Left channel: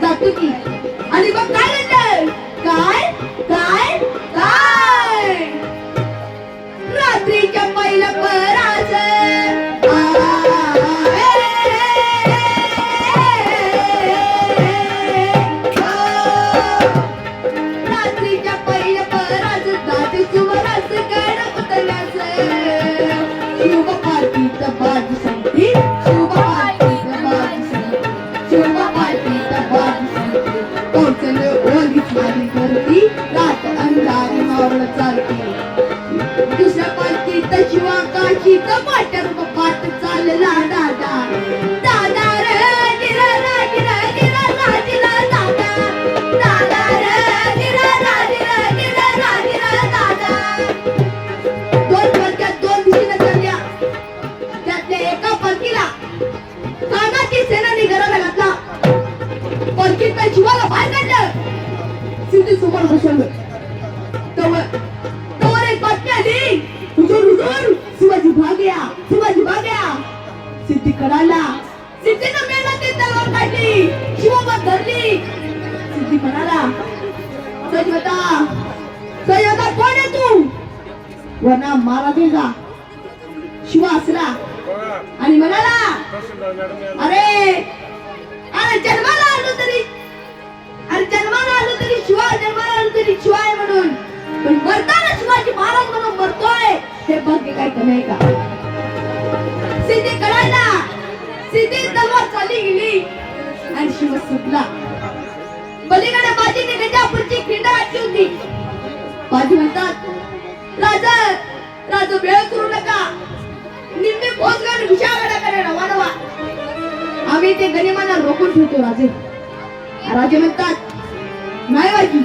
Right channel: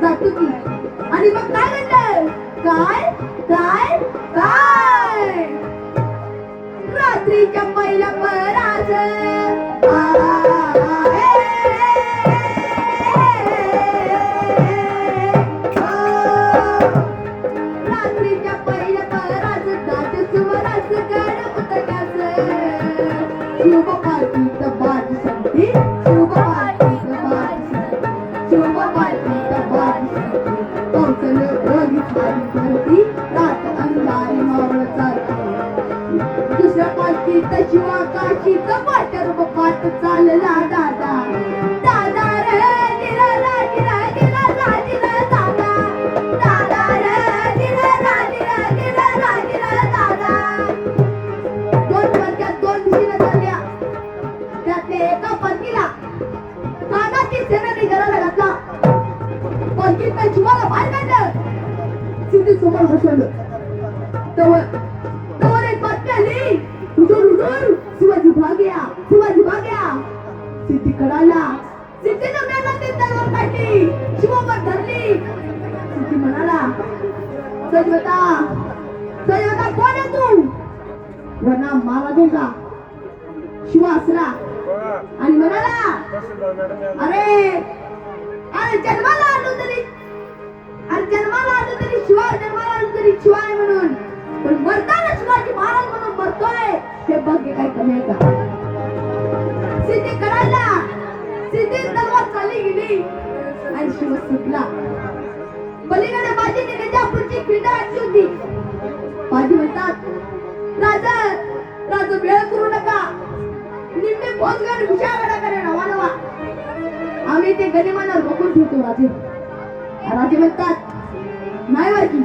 जातो की आणि मग काय म्हणलं काय काय काय रात्रीच्या पहिल्या पराच रात्रीच्या पहिल्या पराच जाते सुवराच गड उतरल्याच शिव पार्टीत बाज संगती शिव पार्टीत बाज संगती शिव पार्टीत बाज संगती कौशल ओली खाली होती रात अंधारी मावळ चालती दुसऱ्या पार्टीत शिवा काशीत वाटर पाट चालला दादा दादा रे दिरा रा दिरा दिरा रा दिरा दादा दादा रे दिरा रा दिरा दिरा रा दिरा दादा दोन वर्गात दोन दिशेने चालल्या त्यातल्या एका पालखीला कानाची सेनानी घराला घातला पालखीत शिवाला बाहेर काढलं सिद्धी समोर बसवलं तवर एक बातमी आली हुजूर हुजूर शिवाजी भाग्या सिद्धी कळाला सिद्धीनं मेहनतीत तलवार काढली शिवोबत धरली सिद्धी म्हणाला सजवता कोण आहे तू वना मारा देगा शिवा हसला आणि म्हणाला अरे जन्माला आलो तरी शिवा जन्माला आलो तरी शिवा आहे म्हणून पण मरताना शिवाजी महाराज म्हणून मरतोय हे भाग्य काय कमी आहे का सिद्धी कळाला सिद्धी तलवार चालली गेली आणि शिव सुटला पलीकडे बाजीने गजापूरची क्रीडा वाटली होती बाजी म्हणतात राजा वेळ करू नका निम्मे भोजगड विशाळगडाकडे रवाना व्हा आम्ही ते गनिमांना रोखून ठेवतो राजे म्हणतात नाही बाजी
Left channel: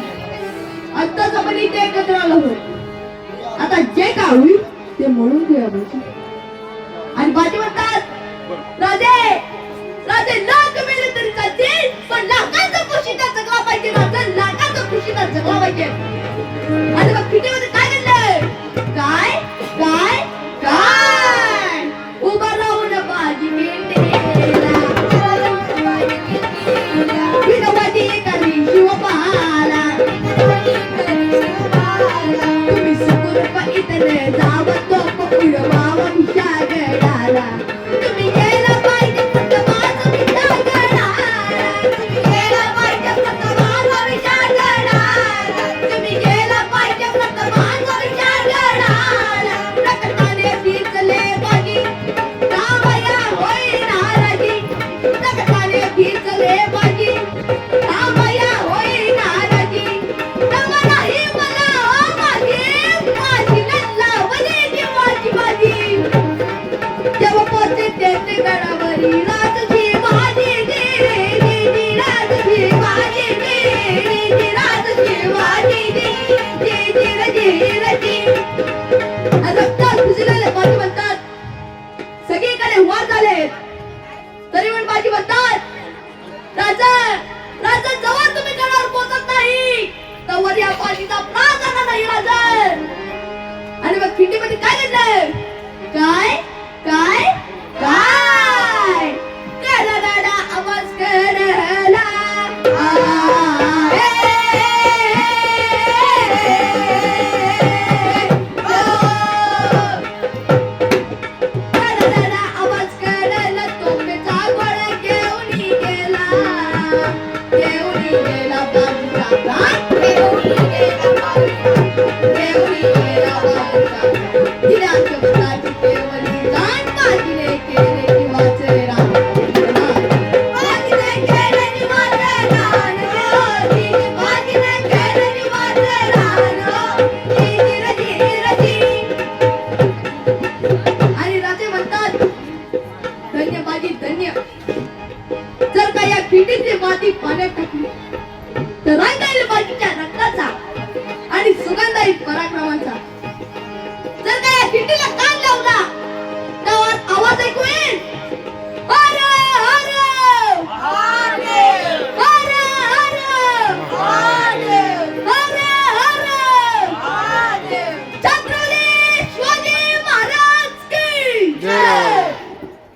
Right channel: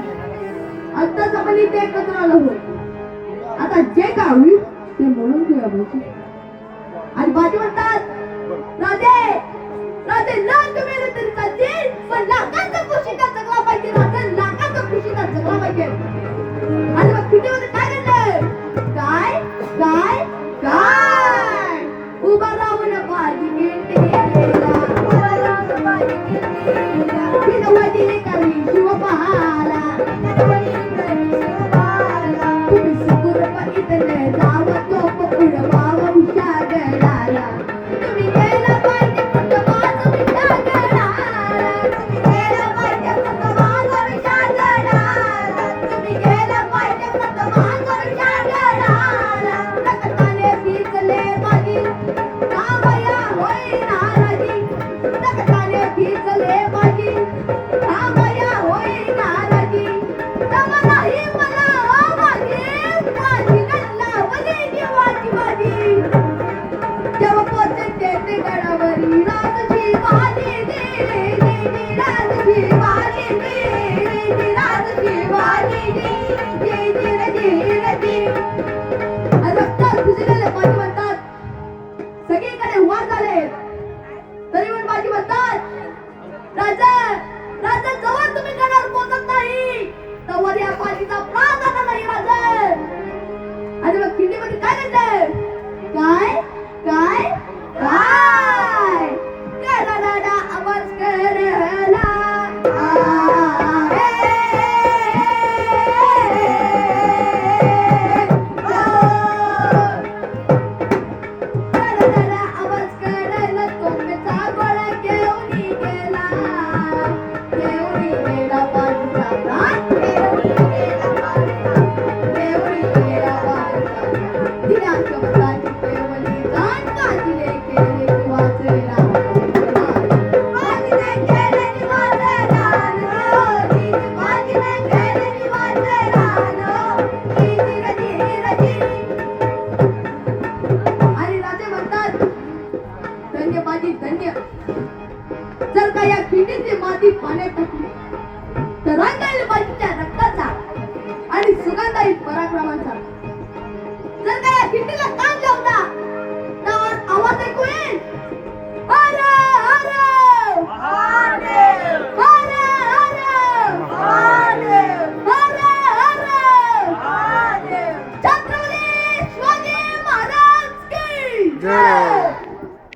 आत्ताच आपण इथे एकत्र आलो होतो आता जे काय होईल ते म्हणून घेऊया बाजी आणि बाजी म्हणतात राजे लाख मिळले तरी चालतील पण लाखांचा खुशीचा जगला पाहिजे राजा लाखांचा खुशीचा जगला पाहिजे आणि मग पिढीमध्ये काय घडलंय काय काय काय उभा राहून बाजी विनोबाजी करी शिव पहाला तुम्ही सुकुरप इथं जावं तो उडवावं विशागडाला तुम्ही यायला पाहिजे मान ठेवून गेला बाबूचा, ठेवून गेला बाबूचा. दिल्या शब्दाची केवली जाण, काजीने केले जीवाचे रान. काजीने केले जीवाचे रान गं, काजीने केले जीवाचे रान. धीर धीर धीर. आणि राजे म्हणतात, धन्य बाजी धन्य. जर का या खिंडीची माती पाण्यात टाकली तर रंगाईल बाजीच्या रक्ताचा आणि सुगंधाई पराक्रमाचा. जर का या खिंडीला कान लावला तर आवाज ऐकू येईल, हर हर महादेव, हर हर महादेव, हर हर महादेव. छत्रपती शिवाजी महाराज की जय.